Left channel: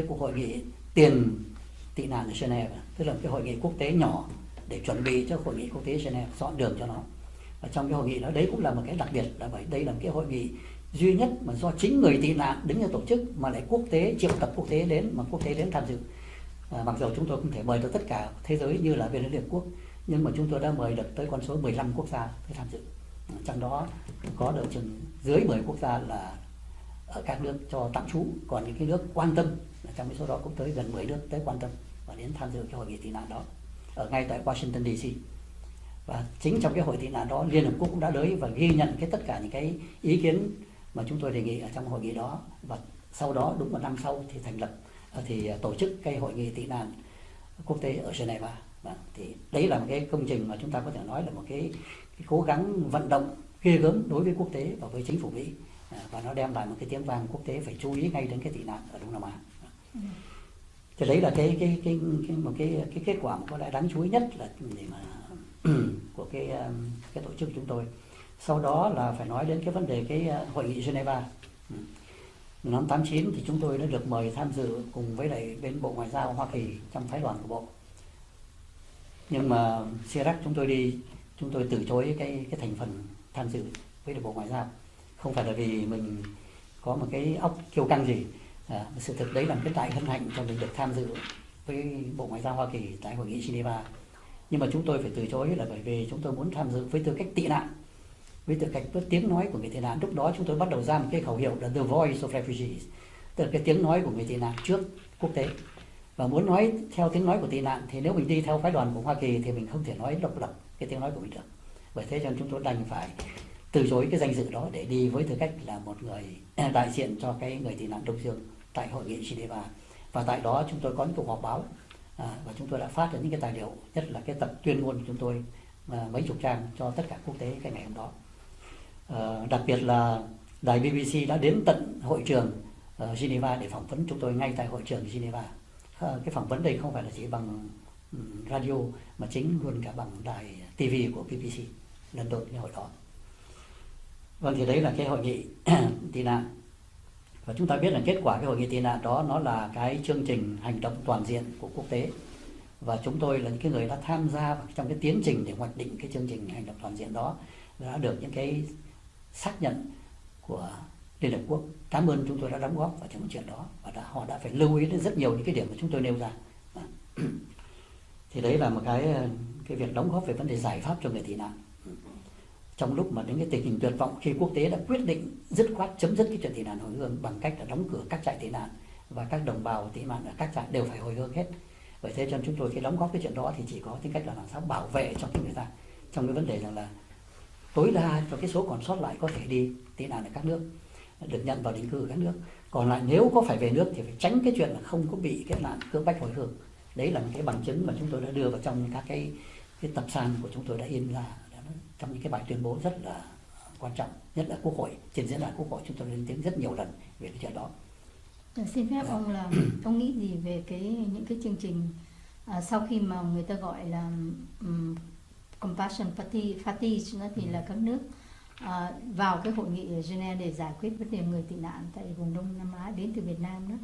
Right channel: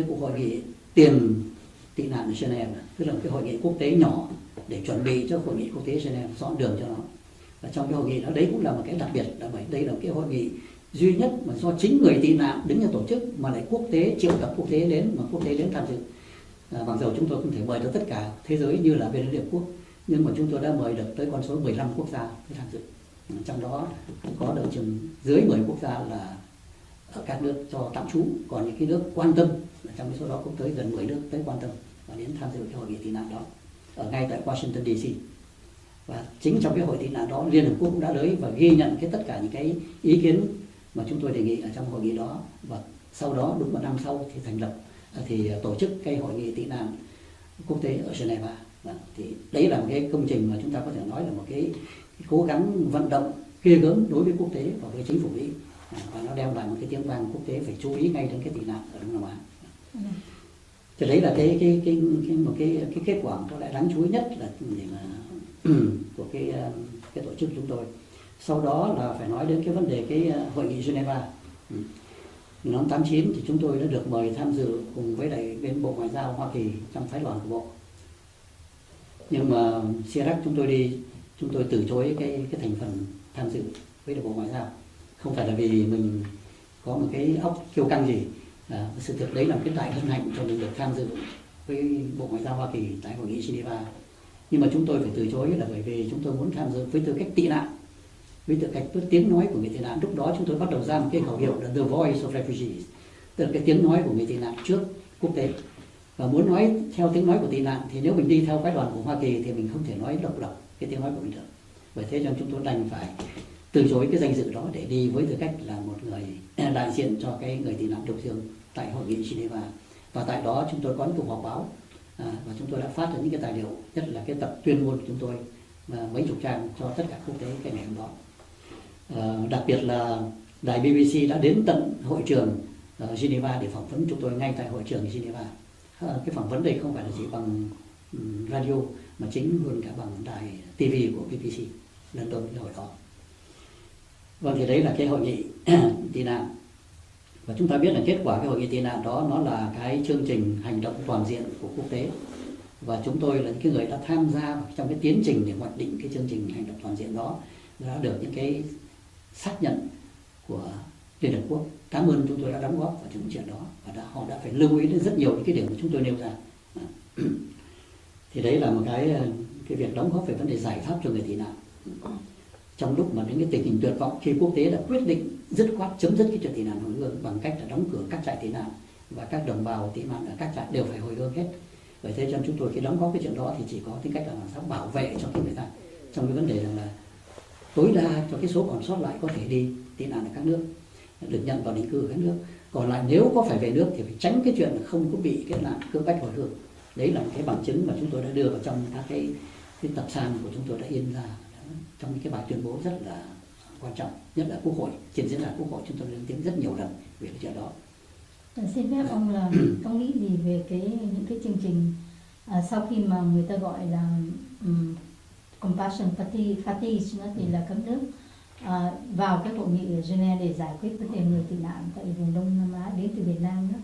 cái cuộc hội nghị tiền tị nạn ở Geneva, tức là cái hội nghị quốc tế nhỏ để chuẩn bị cho hội nghị quốc tế Geneva, dọn đường cho nó. Và trong cái hội nghị đó, đấy cũng là một cái đặc biệt, là bởi đây là một cái hội nghị duy nhất mà do chính người tị nạn đứng ra tổ chức, mà lại quốc tế, triệu tập quốc tế đến, mà quốc tế đến tham dự. Mặc dù chúng tôi không thể mời được tất cả thế giới như là bên Liên Hiệp Quốc, nhưng mà chúng tôi đã mời được tới con số 15 quốc gia để tham dự. Trong đó có độ chừng dưới 10 quốc gia là ở các nước cho tạm trú, còn những cái nước quan tâm, trong cái số đó cũng tới gần 10 nước tới quan tâm và đến tham dự cái hội nghị tị nạn đó ở ngay tại Washington DC. Và chính trong cái hội tị nạn đó, Liên Hợp Quốc cũng đã tới và ghi nhận tất cả những cái ý kiến mà chúng tôi đề nghị ở trong hội nghị đó. Và sau đó đúng một năm sau thì tổ chức cái hội nghị tị nạn quốc tế ở Geneva. Thì đấy là một cái công trình mà chúng ta có thể nói là một cái cố gắng vận động ghê gớm đối với quốc tế và với chính phủ Mỹ, và nó đem lại một cái tiếng vang quốc tế phải chú ý ngay đến cái tị nạn ở Đông Nam Á. Thì đấy là một cái kết quả có lẽ đáng chú ý nhất là để mà của cái tổ chức chúng tôi. Sau đó là phải nói đến cái vấn đề cái hội nghị Geneva. Năm 89 thì chúng tôi đã được mời tham dự cùng với lại bên Bộ Ngoại giao Hoa Kỳ trong phái đoàn của Bộ. Nhưng mà Chirac chúng tôi từ chối cái thành phần tham dự với Bộ Ngoại giao. Không phải là vì mình có một cái óc kiêu căng gì. Sự thực đấy là cái đại hân hạnh cho mình được tham dự với Bộ Ngoại giao Hoa Kỳ tại hội nghị Geneva. Nhưng mà chúng tôi phải từ chối là bởi vì chúng tôi muốn tham dự với tư cách tị nạn, với tư cách tiếng nói của người tị nạn. Lúc đó chúng tôi bắt đầu ra một cái khẩu hiệu là The Voice of Refugees, tức là cái tiếng nói của người tị nạn trước quốc tế. Và muốn nói theo tiếng nói của tị nạn thì nếu mình đi theo phái đoàn của Hoa Kỳ thì mình không thể nói độc lập cái tiếng nói của mình được. Bởi thế cho nên chúng tôi đành phải từ chối cái danh dự đó để đi với tư cách là một người đại diện cho cái người tị nạn Đông Dương tại hội nghị Geneva. Và tại đó chúng tôi có những cuộc họp báo, và chúng tôi đã phát ra những cái tài liệu, nhất là cái tập tuyên ngôn của chúng tôi mấy chục trang cho tất cả quốc tế cái ngày hôm đó. Đặc biệt là đài BBC đã đến tận hội trường Geneva để phỏng vấn chúng tôi ngay tại hội trường Geneva. Cái phỏng vấn đây không phải là chỉ bằng radio mà chính luôn cả bằng đài TV của BBC London cái hồi đó. Vâng, thì đấy là cái hội nghị tị nạn. Và chúng ta biết là kết quả cái hội nghị tị nạn đó nó là cái chương trình hành động toàn diện của quốc tế. Và chúng tôi là những cái người đã tham gia trong cái tiến trình để hoạch định cái chương trình hành động toàn diện đó, đã được những cái xác nhận của Liên Hợp Quốc. Cảm ơn chúng tôi đã đóng góp vào những chuyện đó, và họ đã phải lưu ý đến rất nhiều những cái điểm mà chúng tôi nêu ra. Thì đấy là một cái việc đóng góp về vấn đề giải pháp cho người tị nạn. Trong lúc mà đến cái tình hình tuyệt vọng, khi quốc tế đã quyết định dứt khoát chấm dứt cái chuyện tị nạn hồi hương bằng cách là đóng cửa các trại tị nạn, và các đồng bào tị nạn ở các trại đều phải hồi hương hết. Vậy thế cho chúng tôi khi đóng góp cái chuyện đó thì chỉ có tính cách là làm sao bảo vệ cho cái người ta trong cái vấn đề rằng là tối đa cho cái số còn sót lại có thể đi tị nạn ở các nước, được nhận vào định cư ở các nước. Còn lại nếu có phải về nước thì phải tránh cái chuyện là không có bị cái nạn cưỡng bách hồi hương. Đấy là một cái bằng chứng mà chúng tôi đã đưa vào trong các cái tập san của chúng tôi đã in ra trong những cái bài tuyên bố rất là quan trọng, nhất là Quốc hội, trên diễn đàn Quốc hội chúng tôi lên tiếng rất nhiều lần về cái chuyện đó. Xin phép ông là ông nghĩ gì về những cái chương trình sau khi mà người ta gọi là compassion fatigue nó thì là các nước vào cái hội nghị ở Geneva để giải quyết vấn đề người tị nạn tại vùng Đông Nam Á đến từ Việt Nam đó,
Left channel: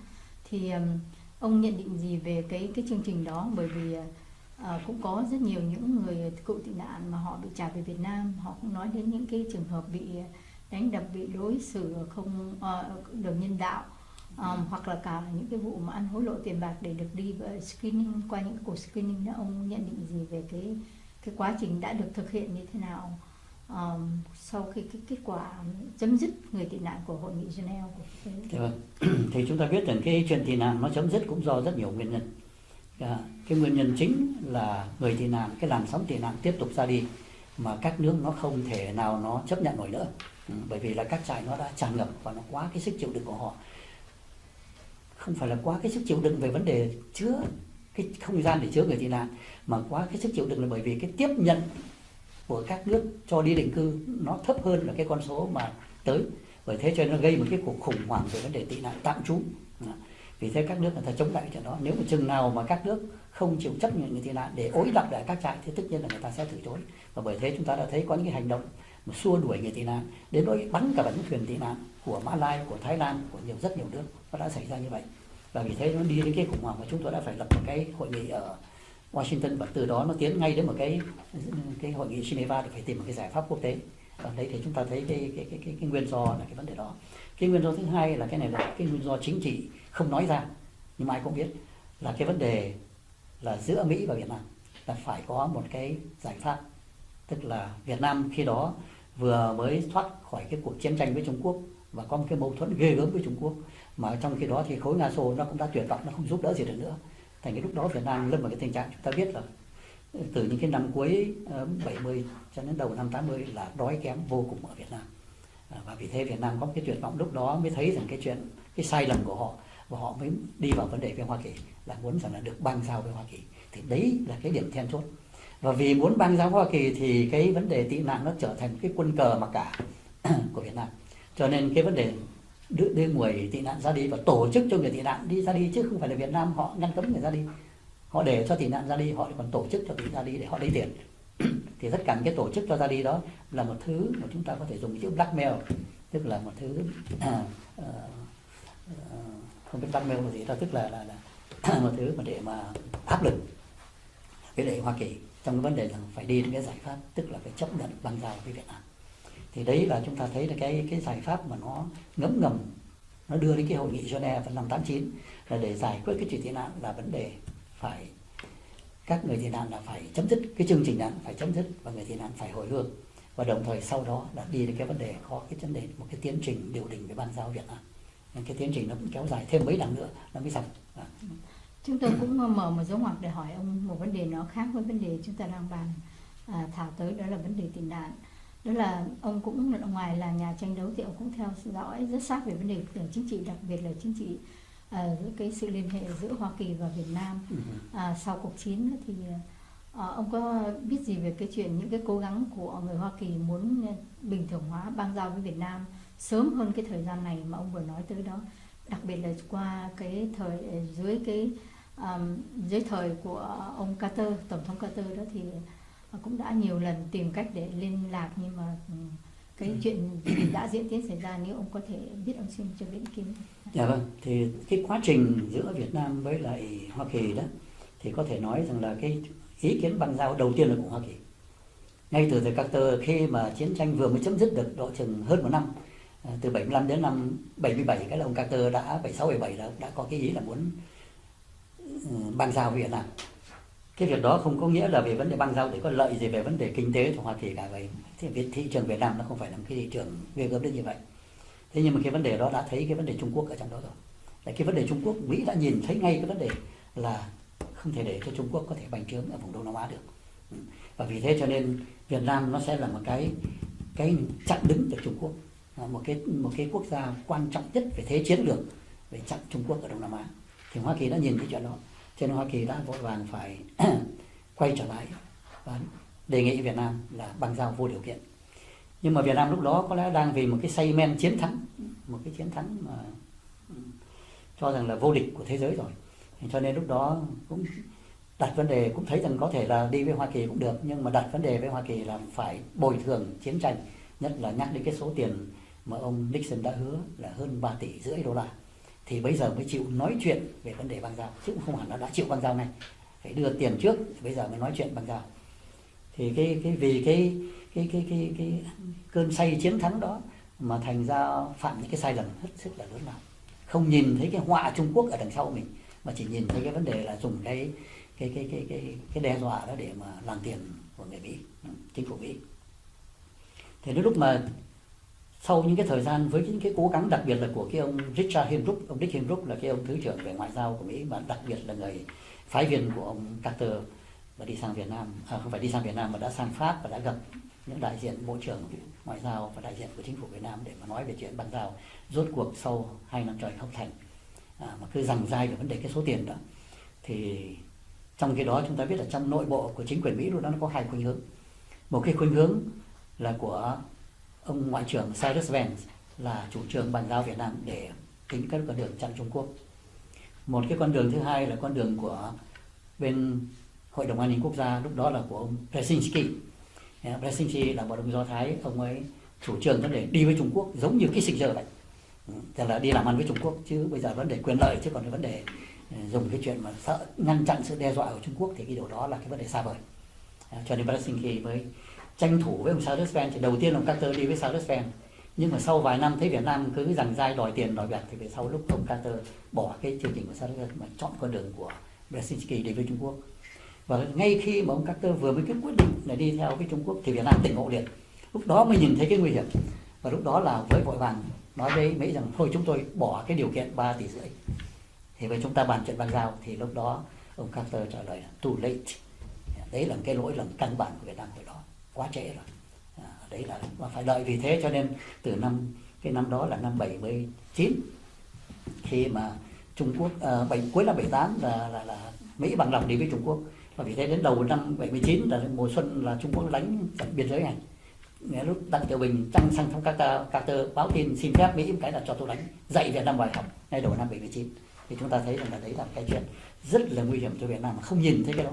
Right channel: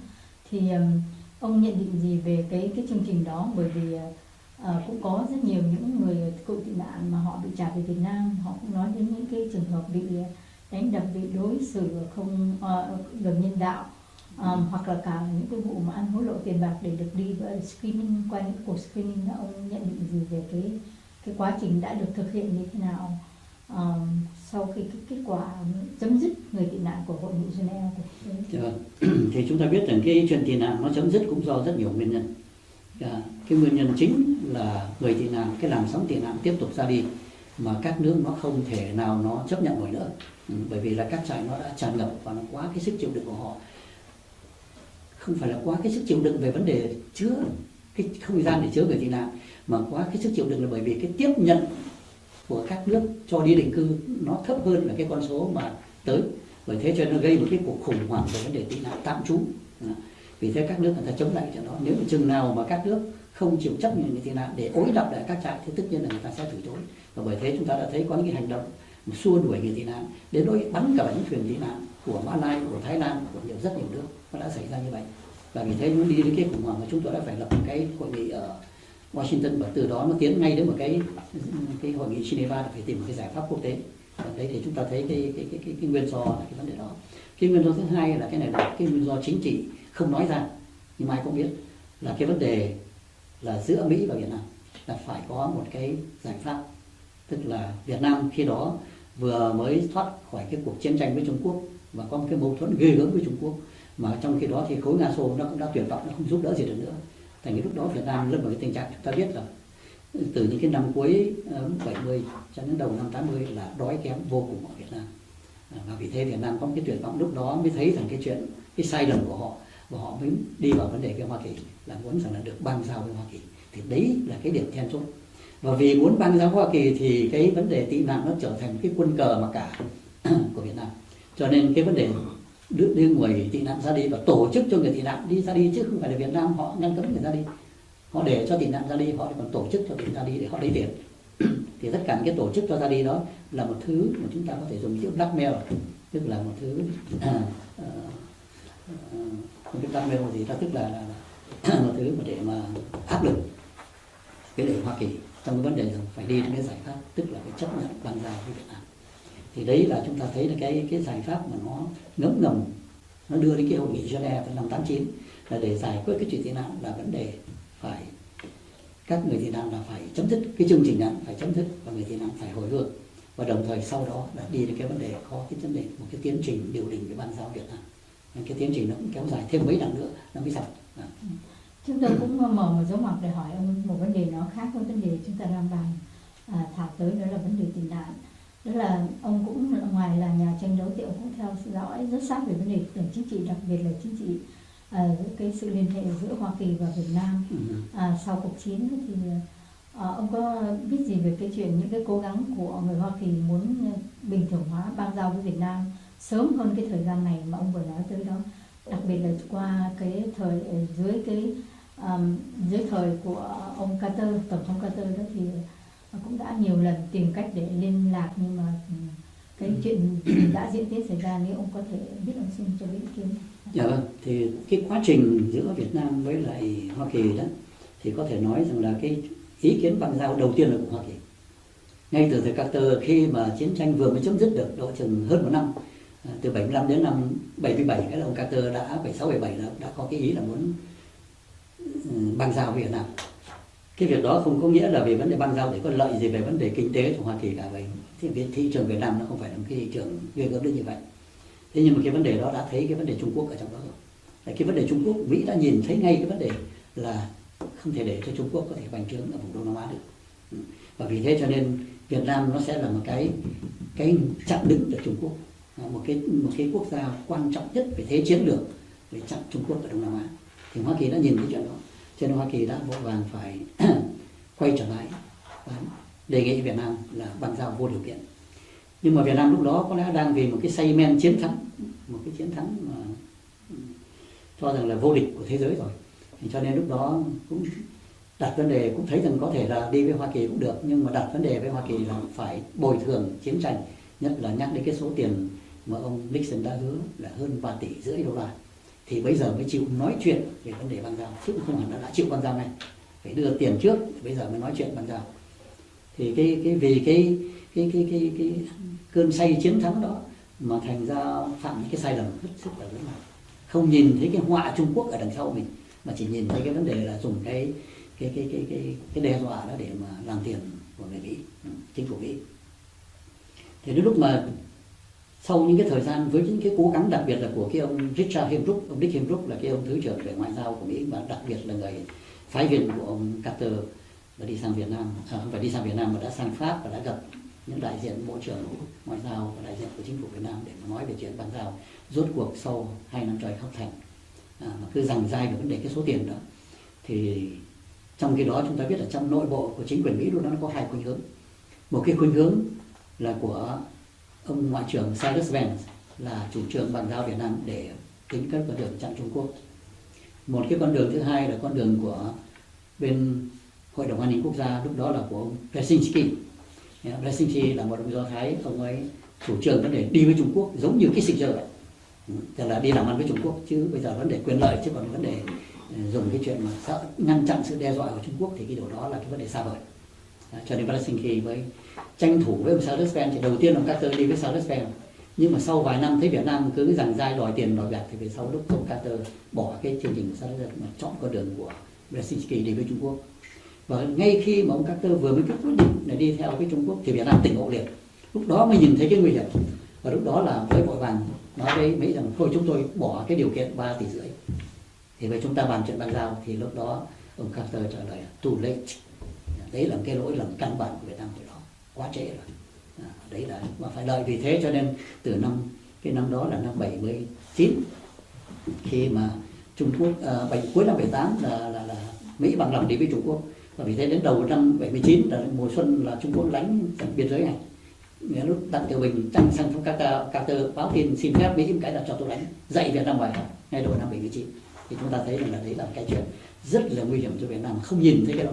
thì ông nhận định gì về cái chương trình đó? Bởi vì cũng có rất nhiều những người cựu tị nạn mà họ bị trả về Việt Nam, họ cũng nói đến những cái trường hợp bị đánh đập, bị đối xử không được nhân đạo, hoặc là cả những cái vụ mà ăn hối lộ tiền bạc để được đi screening, qua những cuộc screening đó. Ông nhận định gì về cái quá trình đã được thực hiện như thế nào sau khi cái kết quả chấm dứt người tị nạn của hội nghị Geneva của thì chúng ta biết rằng cái chuyện tị nạn nó chấm dứt cũng do rất nhiều nguyên nhân. Cái nguyên nhân chính là người tị nạn, cái làn sóng tị nạn tiếp tục ra đi mà các nước nó không thể nào nó chấp nhận nổi nữa, bởi vì là các trại nó đã tràn ngập và nó quá cái sức chịu đựng của họ. Không phải là quá cái sức chịu đựng về vấn đề chứa cái không gian để chứa người tị nạn, mà quá cái sức chịu đựng là bởi vì cái tiếp nhận của các nước cho đi định cư nó thấp hơn là cái con số mà tới. Bởi thế cho nên nó gây một cái cuộc khủng hoảng về vấn đề tị nạn tạm trú. Vì thế các nước người ta chống lại chuyện đó. Nếu mà chừng nào mà các nước không chịu chấp nhận người tị nạn để ối đập lại các trại thì tất nhiên là người ta sẽ từ chối. Và bởi thế chúng ta đã thấy có những cái hành động xua đuổi người tị nạn, đến nỗi bắn cả những thuyền tị nạn của Mã Lai, của Thái Lan, của rất nhiều nước nó đã xảy ra như vậy. và vì thế nó đi đến cái khủng hoảng mà chúng tôi đã phải lập một cái hội nghị ở Washington, và từ đó nó tiến ngay đến một cái hội nghị Geneva để phải tìm một cái giải pháp quốc tế. Và đấy thì chúng ta thấy cái nguyên do là cái vấn đề đó. Cái nguyên do thứ hai là cái này là cái nguyên do chính trị không nói ra nhưng ai cũng biết, là cái vấn đề là giữa Mỹ và Việt Nam là phải có một cái giải pháp. Tức là Việt Nam khi đó vừa mới thoát khỏi cái cuộc chiến tranh với Trung Quốc và có một cái mâu thuẫn ghê gớm với Trung Quốc, mà trong khi đó thì khối Nga Xô nó cũng đã tuyệt vọng, nó không giúp đỡ gì được nữa. Thành cái lúc đó Việt Nam lâm vào cái tình trạng chúng ta biết là từ những cái năm cuối 70 cho đến đầu năm 80 là đói kém vô cùng ở Việt Nam. Và vì thế Việt Nam có một cái tuyệt vọng, lúc đó mới thấy rằng cái chuyện, cái sai lầm của họ, và họ mới đi vào vấn đề với Hoa Kỳ là muốn rằng là được bang giao với Hoa Kỳ. Thì đấy là cái điểm then chốt. Và vì muốn bang giao với Hoa Kỳ thì cái vấn đề tị nạn nó trở thành cái quân cờ mặc cả của Việt Nam. Cho nên cái vấn đề đưa người tị nạn ra đi và tổ chức cho người tị nạn đi ra đi, chứ không phải là Việt Nam họ ngăn cấm người ra đi. Họ để cho tị nạn ra đi, họ còn tổ chức cho tị nạn ra đi để họ lấy tiền. Thì tất cả những cái tổ chức cho ra đi đó là một thứ mà chúng ta có thể dùng chữ blackmail, tức là một thứ không biết blackmail là gì đó, tức là một thứ mà để mà áp lực cái để Hoa Kỳ trong cái vấn đề rằng phải đi đến cái giải pháp, tức là phải chấp nhận bang giao với Việt Nam. Thì đấy là chúng ta thấy là cái giải pháp mà nó ngấm ngầm nó đưa đến cái hội nghị Geneva năm 89 là để giải quyết cái chuyện tị nạn, là vấn đề phải các người tị nạn là phải chấm dứt cái chương trình nạn, phải chấm dứt và người tị nạn phải hồi hương, và đồng thời sau đó là đi đến cái vấn đề có cái vấn đề một cái tiến trình điều đình về bang giao Việt Nam. Nên cái tiến trình nó cũng kéo dài thêm mấy năm nữa nó mới xong. Chúng tôi cũng mở một dấu ngoặc để hỏi ông một vấn đề nó khác với vấn đề chúng ta đang bàn thảo tới, đó là vấn đề tị nạn. Đó là ông cũng ngoài là nhà tranh đấu thì ông cũng theo dõi rất sát về vấn đề chính trị, đặc biệt là chính trị cái sự liên hệ giữa Hoa Kỳ và Việt Nam sau cuộc chiến. Thì ông có biết gì về cái chuyện những cái cố gắng của người Hoa Kỳ muốn bình thường hóa bang giao với Việt Nam sớm hơn cái thời gian này mà ông vừa nói tới đó, đặc biệt là qua cái thời dưới thời của ông Carter, tổng thống Carter đó, thì cũng đã nhiều lần tìm cách để liên lạc, nhưng mà cái chuyện gì đã diễn tiến xảy ra, nếu ông có thể biết, ông xin cho biết ý kiến. Dạ vâng, thì cái quá trình giữa Việt Nam với lại Hoa Kỳ đó thì có thể nói rằng là cái ý kiến bang giao đầu tiên là của Hoa Kỳ. Ngay từ thời Carter, khi mà chiến tranh vừa mới chấm dứt được độ chừng hơn một năm, từ 75 đến năm 77, cái ông Carter đã 76 77 đã có cái ý là muốn bang giao với Việt Nam. Cái việc đó không có nghĩa là về vấn đề bang giao để có lợi gì về vấn đề kinh tế của Hoa Kỳ cả, về thị trường Việt Nam nó không phải là một cái thị trường ghê gớm đến như vậy. Thế nhưng mà cái vấn đề đó đã thấy cái vấn đề Trung Quốc ở trong đó rồi. Cái vấn đề Trung Quốc, Mỹ đã nhìn thấy ngay cái vấn đề là không thể để cho Trung Quốc có thể bành trướng ở vùng Đông Nam Á được. Và vì thế cho nên Việt Nam nó sẽ là một cái chặn đứng được Trung Quốc, một cái quốc gia quan trọng nhất về thế chiến lược để chặn Trung Quốc ở Đông Nam Á. Thì Hoa Kỳ đã nhìn cái chuyện đó, cho nên Hoa Kỳ đã vội vàng phải quay trở lại và đề nghị Việt Nam là bang giao vô điều kiện. Nhưng mà Việt Nam lúc đó có lẽ đang vì một cái say men chiến thắng, một cái chiến thắng mà cho rằng là vô địch của thế giới rồi, cho nên lúc đó cũng đặt vấn đề, cũng thấy rằng có thể là đi với Hoa Kỳ cũng được, nhưng mà đặt vấn đề với Hoa Kỳ là phải bồi thường chiến tranh, nhất là nhắc đến cái số tiền mà ông Nixon đã hứa là hơn 3,5 tỷ đô la, thì bây giờ mới chịu nói chuyện về vấn đề bang giao, chứ không hẳn là đã chịu bang giao này, phải đưa tiền trước, bây giờ mới nói chuyện bang giao. Thì vì cái cơn say chiến thắng đó mà thành ra phạm những cái sai lầm hết sức là lớn lao, không nhìn thấy cái họa Trung Quốc ở đằng sau mình, mà chỉ nhìn thấy cái vấn đề là dùng cái đe dọa đó để mà làm tiền của người Mỹ, chính phủ Mỹ. Thì đến lúc mà sau những cái thời gian với những cái cố gắng đặc biệt là của cái ông Richard Holbrooke, ông Dick Holbrooke là cái ông thứ trưởng về ngoại giao của Mỹ, và đặc biệt là người phái viên của ông Carter, và đi sang Việt Nam, không phải đi sang Việt Nam mà đã sang Pháp và đã gặp những đại diện bộ trưởng ngoại giao và đại diện của chính phủ Việt Nam để mà nói về chuyện bang giao. Rốt cuộc sau 2 năm trời học thành mà cứ giằng dai về vấn đề cái số tiền đó, thì trong cái đó chúng ta biết là trong nội bộ của chính quyền Mỹ lúc đó nó có 2 khuynh hướng. Một cái khuynh hướng là của ông ngoại trưởng Cyrus Vance là chủ trương bang giao Việt Nam để tính các con đường chặn Trung Quốc. Một cái con đường thứ hai là con đường của bên Hội đồng An ninh Quốc gia, lúc đó là của ông Brzezinski. Brzezinski là một ông Do Thái, ông ấy chủ trương vấn đề đi với Trung Quốc giống như Kissinger vậy. Tức là đi làm ăn với Trung Quốc, chứ bây giờ vấn đề quyền lợi, chứ còn cái vấn đề dùng cái chuyện mà sợ ngăn chặn sự đe dọa của Trung Quốc thì cái điều đó là cái vấn đề xa vời. Cho nên Helsinki mới tranh thủ với ông Sarusven. Thì đầu tiên ông Carter đi với Sarusven, nhưng mà sau vài năm thấy Việt Nam cứ giằng dai đòi tiền đòi bạc, thì về sau lúc ông Carter bỏ cái chương trình của Sarusven mà chọn con đường của Helsinki đi với Trung Quốc. Và ngay khi mà ông Carter vừa mới quyết định để đi theo cái Trung Quốc thì Việt Nam tỉnh ngộ liền. Lúc đó mới nhìn thấy cái nguy hiểm, và lúc đó là với vội vàng nói với Mỹ rằng thôi chúng tôi bỏ cái điều kiện 3,5 tỷ. Thì với chúng ta bàn chuyện bang giao, thì lúc đó ông Carter trả lời too late. Đấy là cái lỗi lầm căn bản của Việt Nam, từ đó quá trễ rồi. Đấy là mà phải đợi. Vì thế cho nên từ cái năm đó là năm 79, khi mà Trung Quốc cuối năm 78 là Mỹ bằng lòng đi với Trung Quốc. Và vì thế đến đầu năm 79 là mùa xuân là Trung Quốc đánh biên giới này. Nghe lúc Đặng Tiểu Bình trăng sang thống Carter báo tin xin phép Mỹ cái là cho tôi đánh, dạy Việt Nam ngoại học ngay đầu năm 79. Thì chúng ta thấy rằng là đấy là cái chuyện rất là nguy hiểm cho Việt Nam, mà không nhìn thấy cái đó.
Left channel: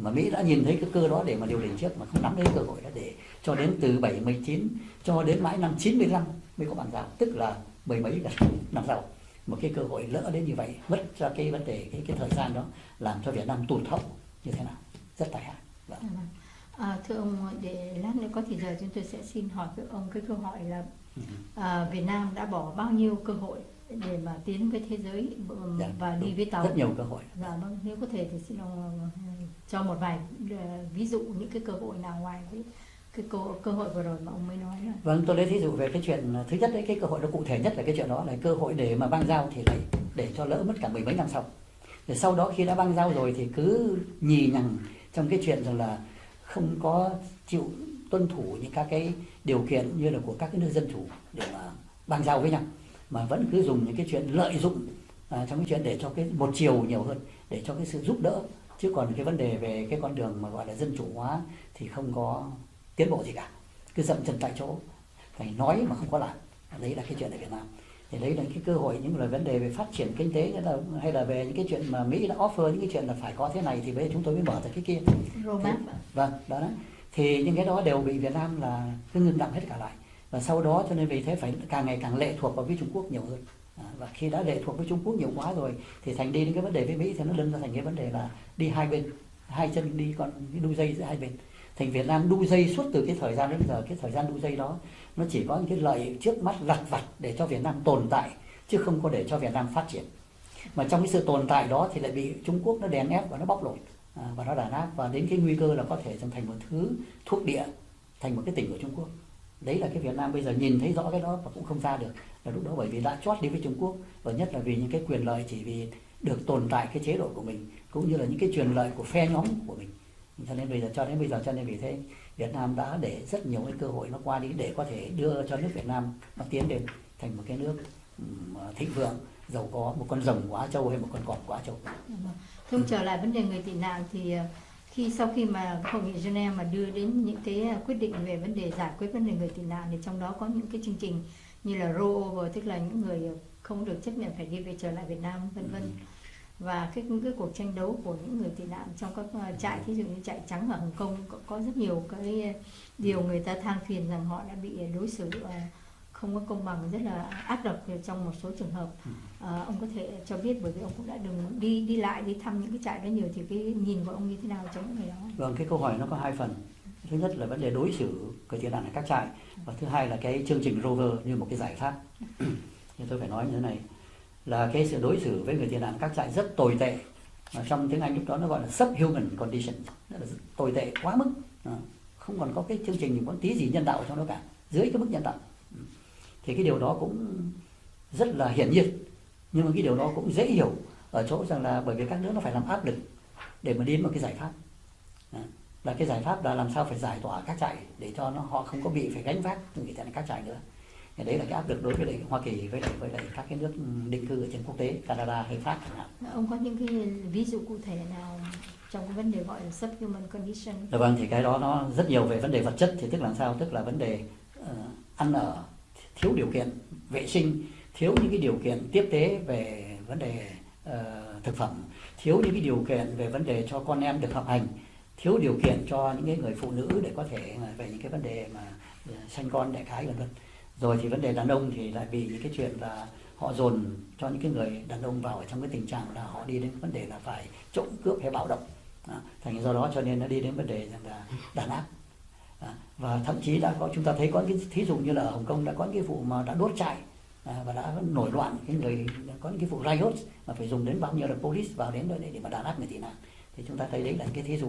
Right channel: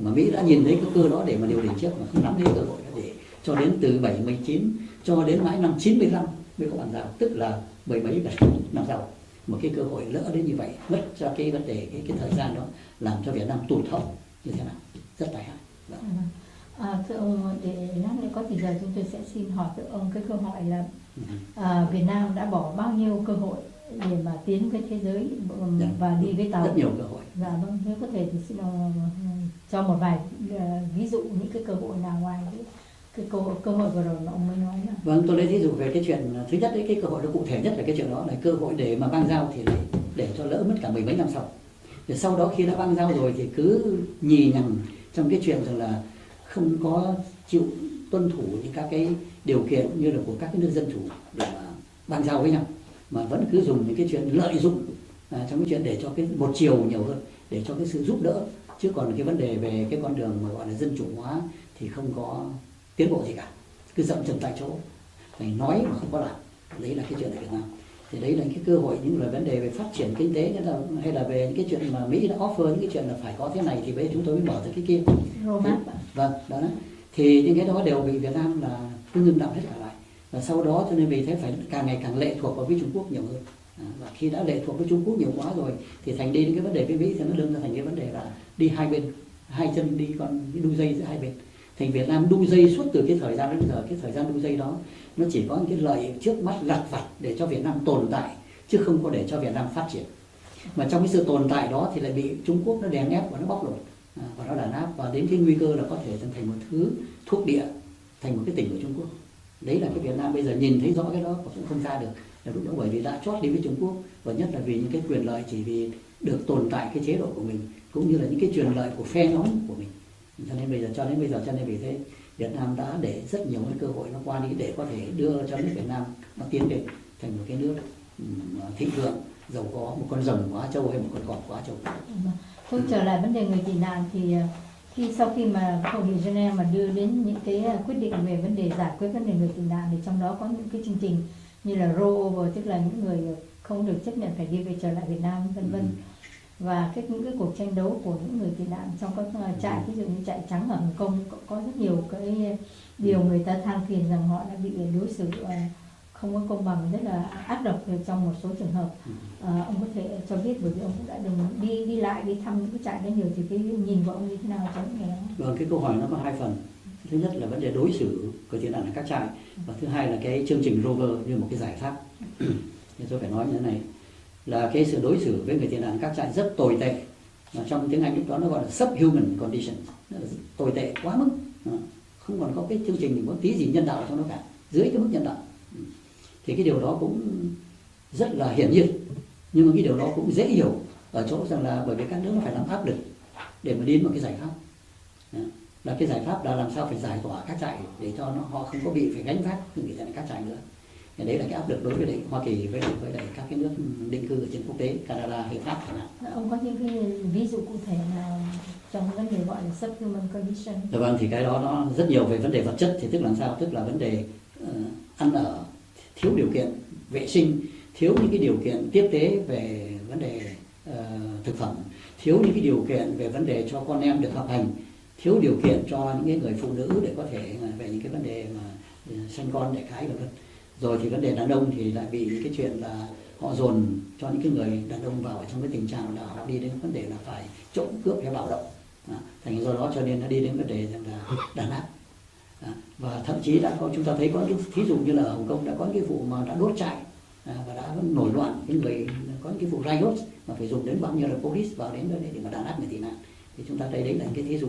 Mà Mỹ đã nhìn thấy cái cơ đó để mà điều chỉnh trước, mà không nắm lấy cơ hội đó, để cho đến từ 79 cho đến mãi năm 95 mới có bàn giao, tức là 10 mấy năm sau. Một cái cơ hội lỡ đến như vậy, mất cho cái vấn đề cái thời gian đó, làm cho Việt Nam tụt hậu như thế nào, rất tai hại. Thưa ông, để lát nữa có thời giờ chúng tôi sẽ xin hỏi với ông cái câu hỏi là Việt Nam đã bỏ bao nhiêu cơ hội để mà tiến với thế giới và đi với tàu? Rất nhiều cơ hội. Và nếu có thể thì xin ông cho một vài ví dụ những cái cơ hội nào ngoài cái cơ hội vừa rồi mà ông mới nói là. Vâng, tôi lấy ví dụ về cái chuyện thứ nhất đấy, cái cơ hội nó cụ thể nhất là cái chuyện đó là cơ hội để mà bang giao, thì lại để cho lỡ mất cả 10 mấy năm sau. Rồi sau đó khi đã bang giao rồi thì cứ nhì nhằng trong cái chuyện rằng là không có chịu tuân thủ những các cái điều kiện như là của các cái nước dân chủ để mà bang giao với nhau, mà vẫn cứ dùng những cái chuyện lợi dụng trong cái chuyện để cho cái một chiều nhiều hơn, để cho cái sự giúp đỡ, chứ còn cái vấn đề về cái con đường mà gọi là dân chủ hóa thì không có tiến bộ gì cả, cứ dậm chân tại chỗ, phải nói mà không có làm. Đấy là cái chuyện ở Việt Nam. Thì đấy là cái cơ hội, những là vấn đề về phát triển kinh tế, hay là về những cái chuyện mà Mỹ đã offer những cái chuyện là phải có thế này thì bây giờ chúng tôi mới mở ra cái kia. Vâng, đó. Thì những cái đó đều bị Việt Nam là cứ ngưng đọng hết cả lại. Và sau đó cho nên vì thế phải càng ngày càng lệ thuộc vào với Trung Quốc nhiều hơn. Và khi đã lệ thuộc với Trung Quốc nhiều quá rồi thì thành đi những cái vấn đề với Mỹ thì nó đơn ra thành cái vấn đề là đi hai bên, hai chân đi còn cái đu dây giữa hai bên. Thành Việt Nam đu dây suốt từ cái thời gian đến giờ, cái thời gian đu dây đó nó chỉ có những cái lợi trước mắt lặt vặt để cho Việt Nam tồn tại, chứ không có để cho Việt Nam phát triển. Mà trong cái sự tồn tại đó thì lại bị Trung Quốc nó đè ép và nó bóc lột và nó đàn áp, và đến cái nguy cơ là có thể thành một thứ thuộc địa, thành một cái tỉnh của Trung Quốc. Đấy là cái Việt Nam bây giờ nhìn thấy rõ cái đó và cũng không ra được. Là lúc đó bởi vì đã chót đi với Trung Quốc, và nhất là vì những cái quyền lợi chỉ vì được tồn tại cái chế độ của mình, cũng như là những cái quyền lợi của phe nhóm của mình. Cho nên vì thế Việt Nam đã để rất nhiều cái cơ hội nó qua đi để có thể đưa cho nước Việt Nam nó tiến đến thành một cái nước thịnh vượng, giàu có, một con rồng của Á Châu hay một con cọp của Á Châu. Không, trở lại vấn đề người tị nạn thì sau khi mà hội nghị Geneva mà đưa đến những cái quyết định về vấn đề giải quyết vấn đề người tị nạn, thì trong đó có những cái chương trình như là rollover, tức là những người không được chấp nhận phải đi về trở lại Việt Nam, vân vân. Và những cái cuộc tranh đấu của những người tị nạn trong các trại, ví dụ như trại trắng ở Hồng Kông, có rất nhiều cái điều người ta than phiền rằng họ đã bị đối xử không có công bằng, rất là ác độc trong một số trường hợp. Ông có thể cho biết, bởi vì ông cũng đã đi lại đi thăm những cái trại đó nhiều, thì cái nhìn của ông như thế nào cho những người đó? Vâng, cái câu hỏi nó có hai phần. Thứ nhất là vấn đề đối xử người tị nạn ở các trại, và thứ hai là cái chương trình Rover như một cái giải pháp. Nhưng tôi phải nói như thế này, là cái sự đối xử với người tị nạn các trại rất tồi tệ. Trong tiếng Anh lúc đó nó gọi là subhuman condition, rất là tồi tệ quá mức, không còn có cái chương trình có tí gì nhân đạo trong đó cả, dưới cái mức nhân đạo. Thì cái điều đó cũng rất là hiển nhiên, nhưng mà cái điều đó cũng dễ hiểu ở chỗ rằng là bởi vì các nước nó phải làm áp lực để mà đến một cái giải pháp. Là cái giải pháp là làm sao phải giải tỏa các trại để cho họ không có bị phải gánh vác người tị nạn các trại nữa. Thì đấy là cái áp lực đối với Hoa Kỳ với lại các cái nước định cư ở trên quốc tế, Canada hay Pháp chẳng hạn. Ông có những cái ví dụ cụ thể nào trong cái vấn đề gọi là subhuman condition? Vâng, thì cái đó nó rất nhiều về vấn đề vật chất, thì tức là làm sao, tức là vấn đề ăn ở, thiếu điều kiện vệ sinh, thiếu những cái điều kiện tiếp tế về vấn đề thực phẩm, thiếu những cái điều kiện về vấn đề cho con em được học hành, thiếu điều kiện cho những người phụ nữ để có thể về những cái vấn đề mà sinh con đẻ cái vân vân. Rồi thì vấn đề đàn ông thì lại vì những cái chuyện là họ dồn cho những cái người đàn ông vào ở trong cái tình trạng là họ đi đến vấn đề là phải trộm cướp hay bạo động. Thành do đó cho nên nó đi đến vấn đề là đàn áp. Và thậm chí đã có, chúng ta thấy có những thí dụ như là ở Hồng Kông đã có những cái vụ mà đã đốt trại và đã nổi loạn, cái người có những cái vụ riot mà phải dùng đến bao nhiêu là police vào đến để mà đàn áp người tị nạn. Thì chúng ta thấy đấy là những cái thí dụ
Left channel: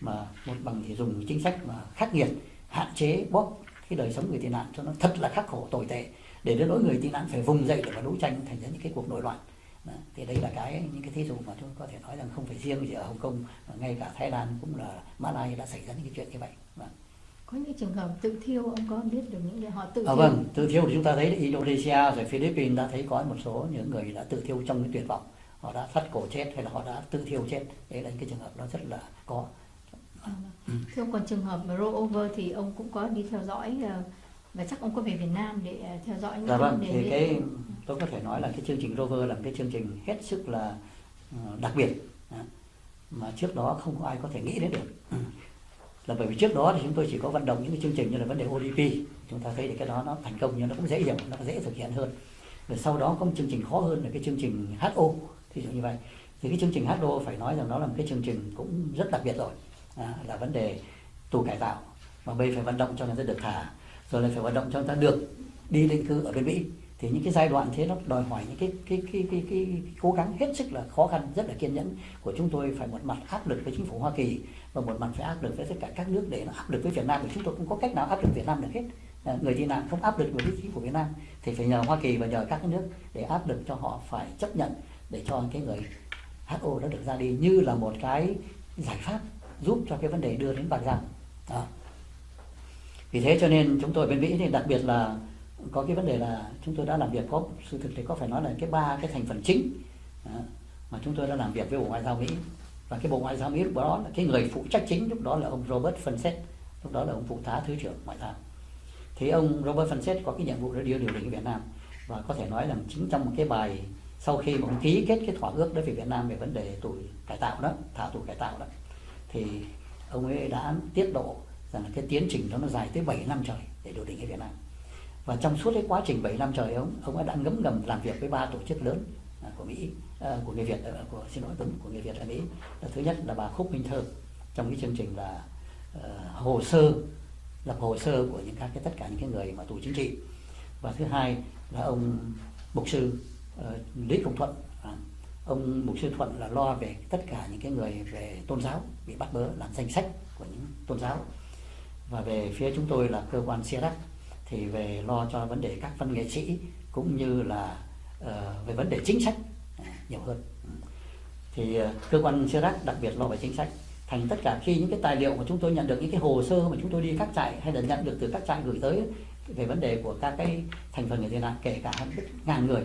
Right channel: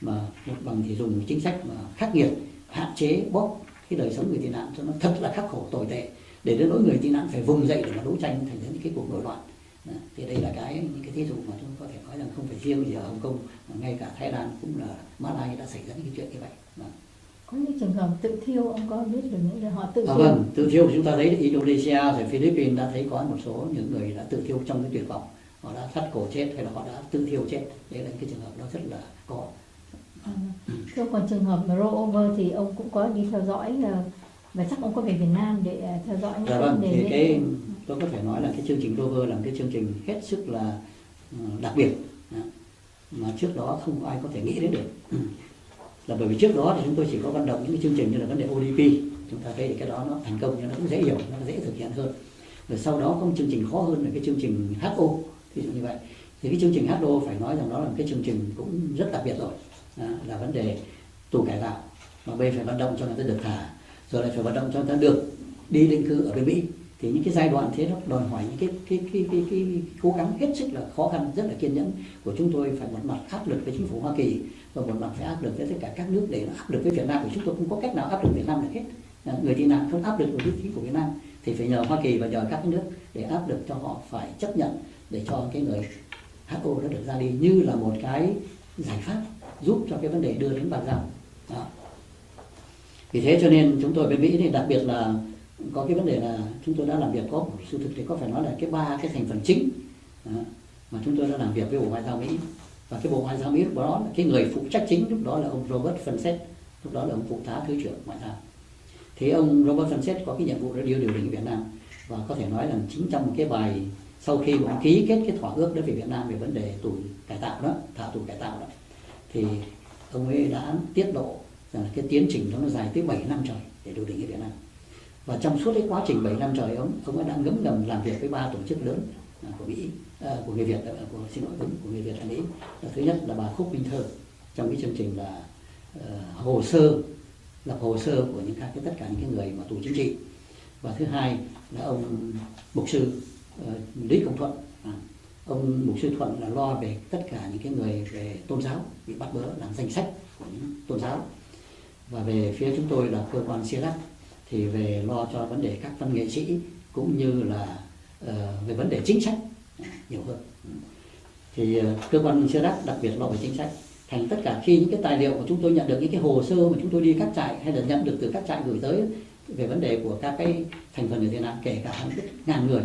mà một bằng thì dùng chính sách mà khắc nghiệt, hạn chế bóp cái đời sống người tị nạn cho nó thật là khắc khổ tồi tệ, để đến nỗi người tị nạn phải vùng dậy để mà đấu tranh thành ra những cái cuộc nổi loạn. Thì đây là những cái thí dụ mà chúng có thể nói rằng không phải riêng gì ở Hồng Kông, mà ngay cả Thái Lan cũng là Malai đã xảy ra những cái chuyện như vậy. Có những trường hợp tự thiêu, ông có biết được những người họ tự thiêu? Vâng, tự thiêu chúng ta thấy Indonesia rồi Philippines đã thấy có một số những người đã tự thiêu trong cái tuyệt vọng, họ đã thắt cổ chết hay là họ đã tự thiêu chết. Đấy là những cái trường hợp nó rất là có. Thưa, còn trường hợp mà rollover thì ông cũng có đi theo dõi, và chắc ông có về Việt Nam để theo dõi những vấn đề. Thì cái tôi có thể nói là cái chương trình rover là một cái chương trình hết sức là đặc biệt mà trước đó không ai có thể nghĩ đến được. Là bởi vì trước đó thì chúng tôi chỉ có vận động những cái chương trình như là vấn đề ODP, chúng ta thấy cái đó nó thành công nhưng nó cũng dễ hiểu, nó dễ thực hiện hơn. Rồi sau đó có một chương trình khó hơn là cái chương trình HO, ví dụ như vậy. Thì cái chương trình HO phải nói rằng nó là một cái chương trình cũng rất đặc biệt rồi, là vấn đề tù cải tạo, mà bây phải vận động cho người ta được thả, rồi lại phải vận động cho người ta được đi định cư ở bên Mỹ. Thì những cái giai đoạn thế nó đòi hỏi những cái cố gắng hết sức là khó khăn, rất là kiên nhẫn của chúng tôi. Phải một mặt áp lực với chính phủ Hoa Kỳ và một mặt phải áp lực với tất cả các nước để nó áp lực với Việt Nam, vì chúng tôi không có cách nào áp lực Việt Nam được hết. Người tị nạn không áp lực với chính phủ Việt Nam thì phải nhờ Hoa Kỳ và nhờ các nước để áp lực cho họ phải chấp nhận để cho cái người HO nó được ra đi như là một cái giải pháp giúp cho cái vấn đề đưa đến bàn giao. Vì thế cho nên chúng tôi bên Mỹ thì đặc biệt là có cái vấn đề là chúng tôi đã làm việc, có sự thực thì có phải nói là cái 3 cái thành phần chính mà chúng tôi đã làm việc với Bộ Ngoại giao Mỹ. Và cái Bộ Ngoại giao Mỹ lúc đó là cái người phụ trách chính lúc đó là ông Robert Fenset, lúc đó là ông phụ tá thứ trưởng ngoại giao. Thì ông Robert Fenset có cái nhiệm vụ để điều đình Việt Nam, và có thể nói rằng chính trong một cái bài sau khi ông ký kết cái thỏa ước đối với Việt Nam về vấn đề tù cải tạo đó, thả tù cải tạo đó, thì ông ấy đã tiết lộ rằng cái tiến trình đó nó dài tới 7 năm trời để điều đình ở Việt Nam. Và trong suốt cái quá trình 7 năm trời ông ấy đã ngấm ngầm làm việc với 3 tổ chức lớn của Mỹ, của người Việt, của người Việt ở Mỹ. Thứ nhất là bà Khúc Minh Thơ trong cái chương trình là lập hồ sơ của những tất cả những cái người mà tù chính trị. Và thứ hai là ông mục sư Lý Công Thuận. Ông mục sư Thuận là lo về tất cả những cái người về tôn giáo bị bắt bớ, làm danh sách của những tôn giáo. Và về phía chúng tôi là cơ quan CIRAC thì về lo cho vấn đề các văn nghệ sĩ cũng như là về vấn đề chính sách nhiều hơn. Thì cơ quan CIRAC đặc biệt lo về chính sách. Thành tất cả khi những cái tài liệu mà chúng tôi nhận được, những cái hồ sơ mà chúng tôi đi các trại hay là nhận được từ các trại gửi tới về vấn đề của các cái thành phần người tị nạn, kể cả hàng ngàn người,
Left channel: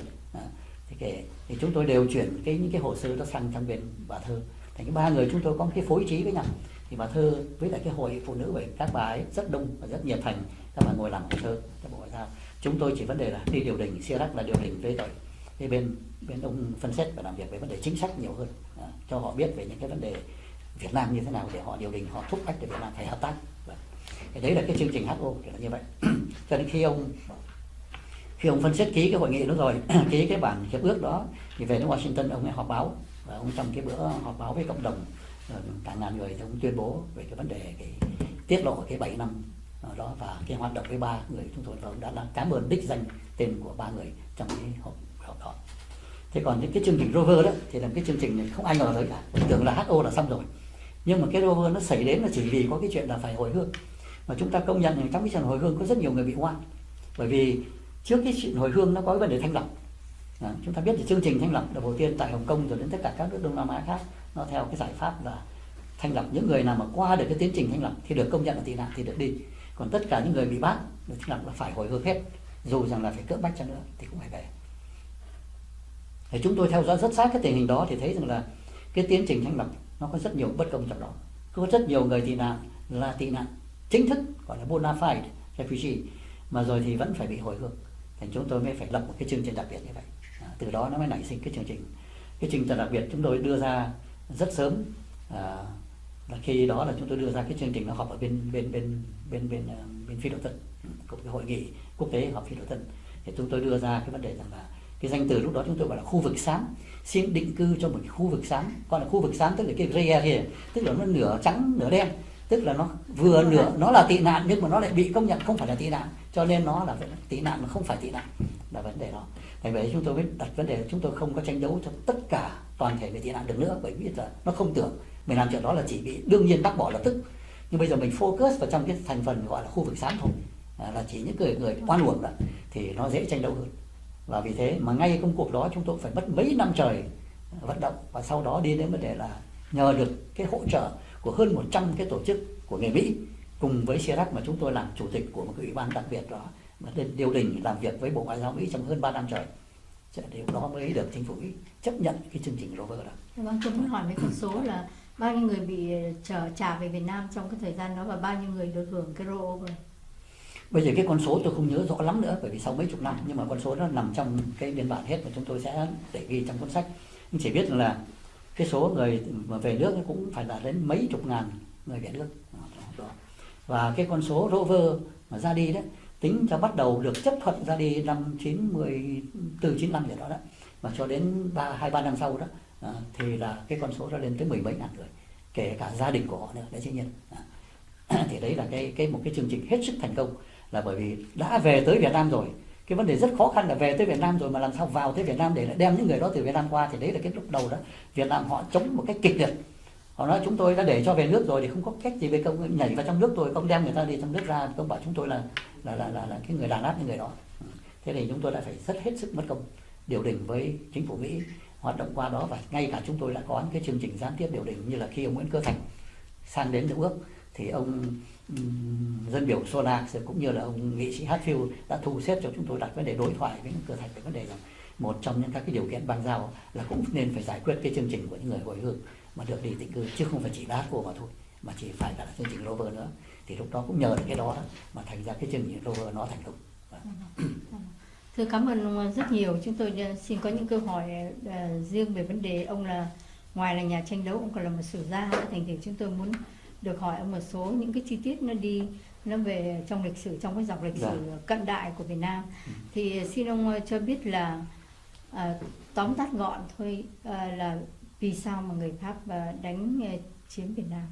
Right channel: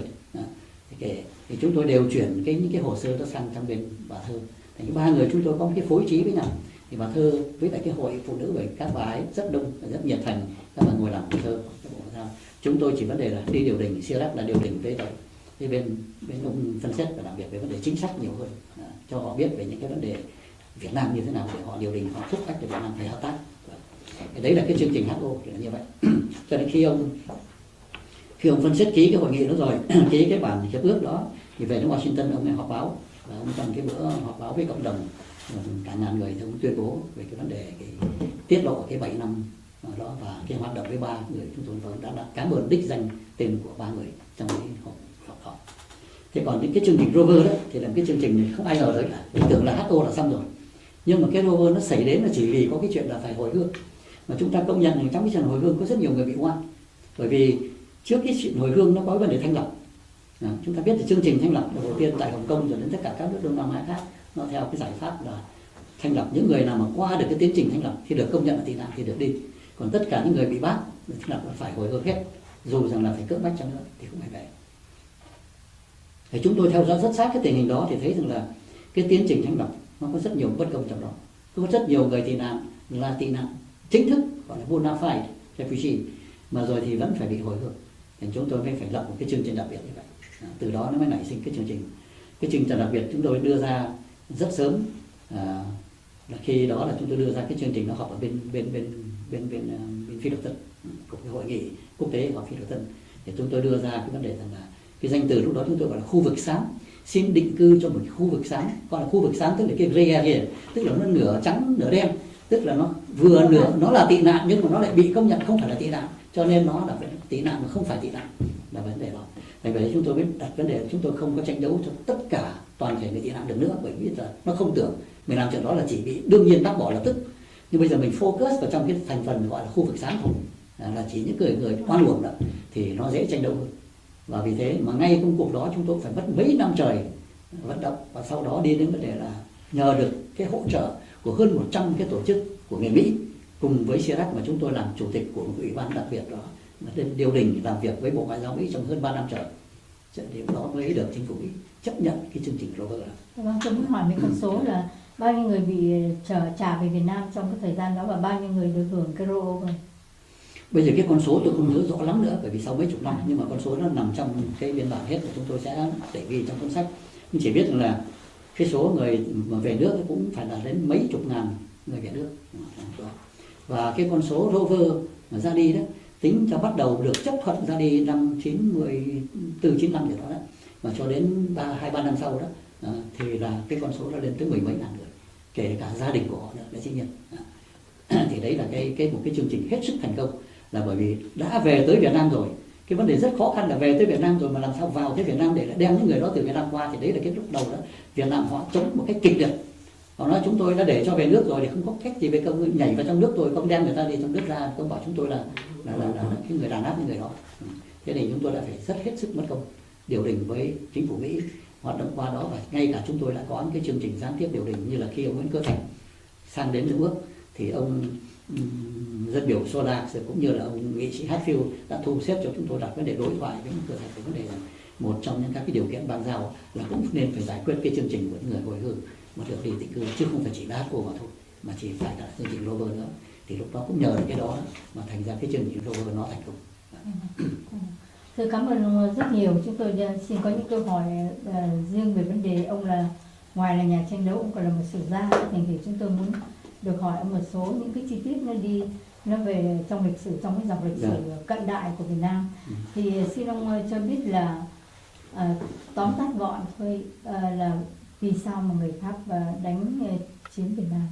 thì chúng tôi đều chuyển những cái hồ sơ đó sang trong bên bà Thơ. Thành cái 3 người chúng tôi có một cái phối trí với nhau. Thì bà Thơ với lại cái hội phụ nữ, bởi các bà ấy rất đông và rất nhiệt thành, các bà ngồi làm hồ sơ các bộ ngoại giao. Chúng tôi chỉ vấn đề là đi điều đình, CIRAC là điều đình với bên ông phân xét và làm việc về vấn đề chính sách nhiều hơn, cho họ biết về những cái vấn đề Việt Nam như thế nào để họ điều đình, họ thúc ép để Việt Nam phải hợp tác. Thì đấy là cái chương trình HO là như vậy. Cho nên khi ông phân xét ký cái hội nghị đó rồi, ký cái bản hiệp ước đó, thì về đến Washington ông ấy họp báo, và ông trong cái bữa họp báo với cộng đồng cả ngàn người thì ông tuyên bố về cái vấn đề tiết lộ cái 7 năm đó và cái hoạt động với 3 người chúng tôi đã cảm ơn đích danh tên của 3 người trong cái họp đó. Thế còn những cái chương trình rover đó thì là cái chương trình không ai ngờ tới cả, mình tưởng là HO là xong rồi, nhưng mà cái rover nó xảy đến là chỉ vì có cái chuyện là phải hồi hương. Mà chúng ta công nhận rằng trong cái chuyện hồi hương có rất nhiều người bị oan, bởi vì trước cái chuyện hồi hương nó có cái vấn đề thanh lọc. Chúng ta biết là chương trình thanh lọc đầu tiên tại Hồng Kông rồi đến tất cả các nước Đông Nam Á khác, nó theo cái giải pháp là thanh lọc những người nào mà qua được cái tiến trình thanh lọc thì được công nhận là tị nạn thì được đi, còn tất cả những người bị bắt thanh lọc là phải hồi hương hết, dù rằng là phải cưỡng bách chăng nữa thì cũng phải về. Thì chúng tôi theo dõi rất sát cái tình hình đó thì thấy rằng là cái tiến trình thanh lọc nó có rất nhiều bất công trong đó, có rất nhiều người tị nạn là tị nạn chính thức gọi là bona fide refugee mà rồi thì vẫn phải bị hồi hương. Thì chúng tôi mới phải lập một cái chương trình đặc biệt như vậy. Từ đó nó mới nảy sinh cái chương trình đặc biệt chúng tôi đưa ra rất sớm. Là khi đó là chúng tôi đưa ra cái chương trình nó họp ở bên Phi Độc Thân. của cái hội nghị quốc tế học phi đội Tân, thì chúng tôi đưa ra cái vấn đề rằng là cái danh từ lúc đó chúng tôi gọi là khu vực xám, xin định cư cho một khu vực xám, gọi là khu vực xám tức là cái gray area, tức là nó nửa trắng nửa đen, tức là nó vừa nửa nó là tị nạn nhưng mà nó lại bị công nhận không phải là tị nạn, cho nên nó là tị nạn mà không phải tị nạn, là vấn đề đó. Tại vậy chúng tôi mới đặt vấn đề chúng tôi không có tranh đấu cho tất cả toàn thể người tị nạn được nữa, bởi vì là nó không tưởng mình làm chuyện đó là chỉ bị đương nhiên bác bỏ lập tức. Nhưng bây giờ mình focus vào trong cái thành phần gọi là khu vực xám thôi, là chỉ những người oan uổng đó, thì nó dễ tranh đấu hơn. Và vì thế mà ngay công cuộc đó chúng tôi phải mất mấy năm trời vận động, và sau đó đi đến vấn đề là nhờ được cái hỗ trợ của hơn 100 cái tổ chức của người Mỹ cùng với CIRAC mà chúng tôi làm chủ tịch của một cái ủy ban đặc biệt đó, mà lên điều đình làm việc với Bộ Ngoại giao Mỹ trong hơn 3 năm trời. Thì đó mới được chính phủ Mỹ chấp nhận cái chương trình Rover đó. Vâng, tôi muốn hỏi về con số là bao nhiêu người bị trả về Việt Nam trong cái thời gian đó và bao nhiêu người được hưởng cái rollover? Bây giờ cái con số tôi không nhớ rõ lắm nữa, bởi vì sau mấy chục năm, nhưng mà con số nó nằm trong cái biên bản hết và chúng tôi sẽ để ghi trong cuốn sách. Nhưng chỉ biết rằng là cái số người mà về nước cũng phải là đến mấy chục ngàn người về nước. Và cái con số rover mà ra đi đó, tính cho bắt đầu được chấp thuận ra đi năm 94-95 gì đó đó, mà cho đến 2-3 năm sau đó thì là cái con số nó lên tới 10 mấy ngàn người, kể cả gia đình của họ nữa, đấy dĩ nhiên. Thì đấy là một cái chương trình hết sức thành công, là bởi vì đã về tới Việt Nam rồi. Cái vấn đề rất khó khăn là về tới Việt Nam rồi mà làm sao vào tới Việt Nam để đem những người đó từ Việt Nam qua, thì đấy là cái lúc đầu đó Việt Nam họ chống một cách kịch liệt. Họ nói chúng tôi đã để cho về nước rồi thì không có cách gì với công nhảy vào trong nước rồi, công đem người ta đi trong nước ra, công bảo chúng tôi là cái người đàn áp những người đó. Thế thì chúng tôi đã phải rất hết sức mất công điều đình với chính phủ Mỹ hoạt động qua đó, và ngay cả chúng tôi đã có những cái chương trình gián tiếp điều đình, như là khi ông Nguyễn Cơ Thành sang đến New York thì ông dân biểu Sola cũng như là ông nghị sĩ Hatfield đã thu xếp cho chúng tôi đặt vấn đề đối thoại với Cơ Thành về vấn đề rằng một trong những các cái điều kiện ban giao là cũng nên phải giải quyết cái chương trình của những người hồi hương mà được đi định cư, chứ không phải chỉ đá cô mà thôi, mà chỉ phải là chương trình Rover nữa. Thì lúc đó cũng nhờ cái đó mà thành ra cái chương trình Rover nó thành công. Thưa cảm ơn ông rất nhiều. Chúng tôi xin có những câu hỏi riêng về vấn đề ông là ngoài là nhà tranh đấu, ông còn là một sử gia. Thành thử chúng tôi muốn được hỏi ông một số những cái chi tiết nó về trong lịch sử, trong cái dòng lịch sử cận đại của Việt Nam. Thì xin ông cho biết là tóm tắt gọn thôi, là vì sao mà người Pháp đánh chiếm Việt Nam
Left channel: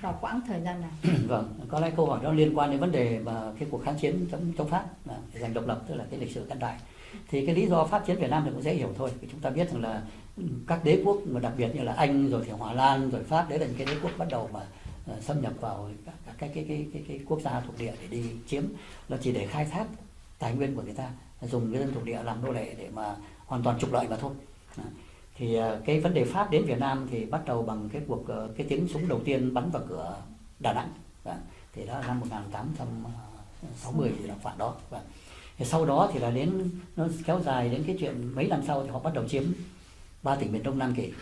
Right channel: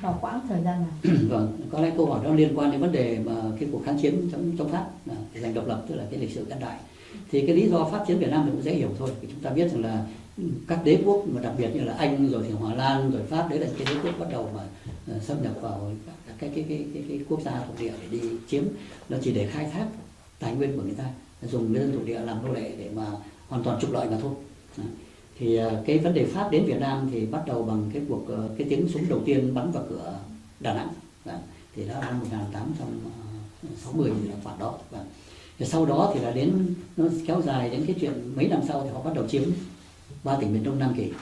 vào quãng thời gian này? Vâng, có lẽ câu hỏi đó liên quan đến vấn đề mà cái cuộc kháng chiến chống Pháp để giành độc lập, tức là cái lịch sử cận đại. Thì cái lý do Pháp chiến Việt Nam thì cũng dễ hiểu thôi. Vì chúng ta biết rằng là các đế quốc mà đặc biệt như là Anh rồi thì Hòa Lan rồi Pháp, đấy là những cái đế quốc bắt đầu mà xâm nhập vào cái quốc gia thuộc địa để đi chiếm, là chỉ để khai thác tài nguyên của người ta, dùng người dân thuộc địa làm nô lệ để mà hoàn toàn trục lợi mà thôi. Thì cái vấn đề Pháp đến Việt Nam thì bắt đầu bằng cái tiếng súng đầu tiên bắn vào cửa Đà Nẵng. Thì đó là năm 1860 gì khoảng đó. Thì sau đó thì là nó kéo dài đến cái chuyện mấy năm sau thì họ bắt đầu chiếm 3 tỉnh miền Đông Nam Kỳ.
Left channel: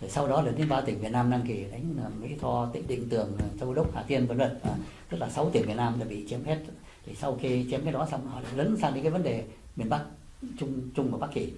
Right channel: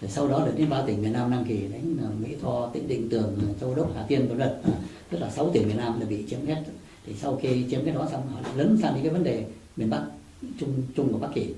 Rồi sau đó là đến 3 tỉnh miền Nam Nam Kỳ, đánh Mỹ Tho, Tịnh Định, Tường, Châu Đốc, Hà Tiên v.v. Tức là 6 tỉnh miền Nam là bị chiếm hết. Thì sau khi chiếm cái đó xong họ lại lấn sang đến cái vấn đề miền Bắc, Trung và Bắc Kỳ.